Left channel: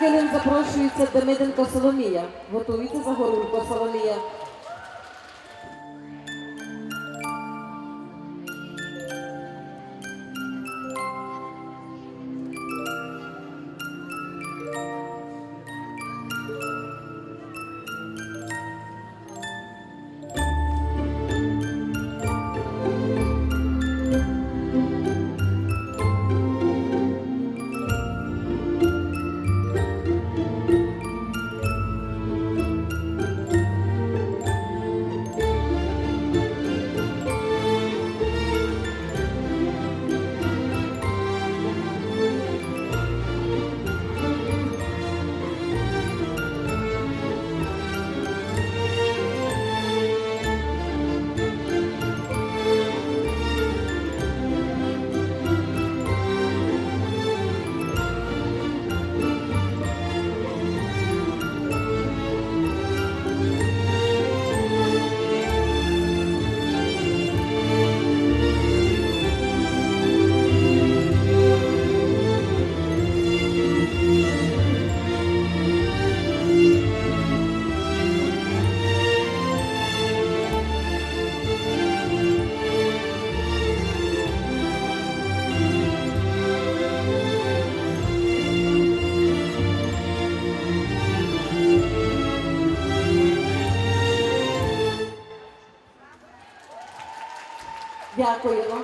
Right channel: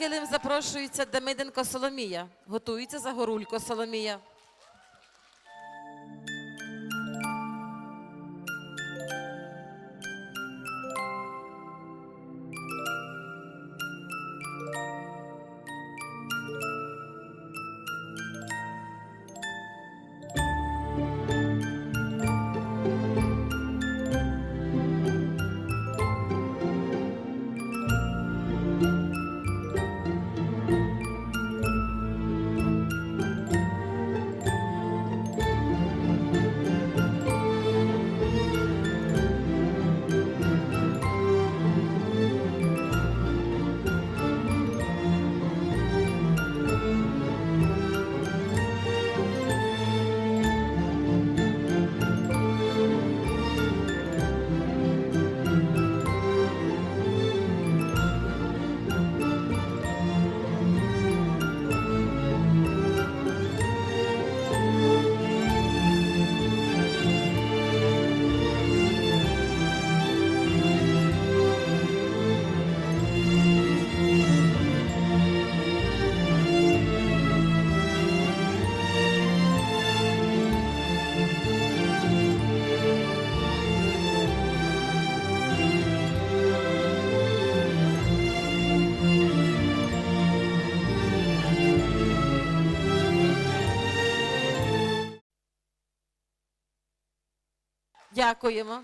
килим запрошується Демиденко Соломія. Готується Загорулько Соломія. Дякуємо.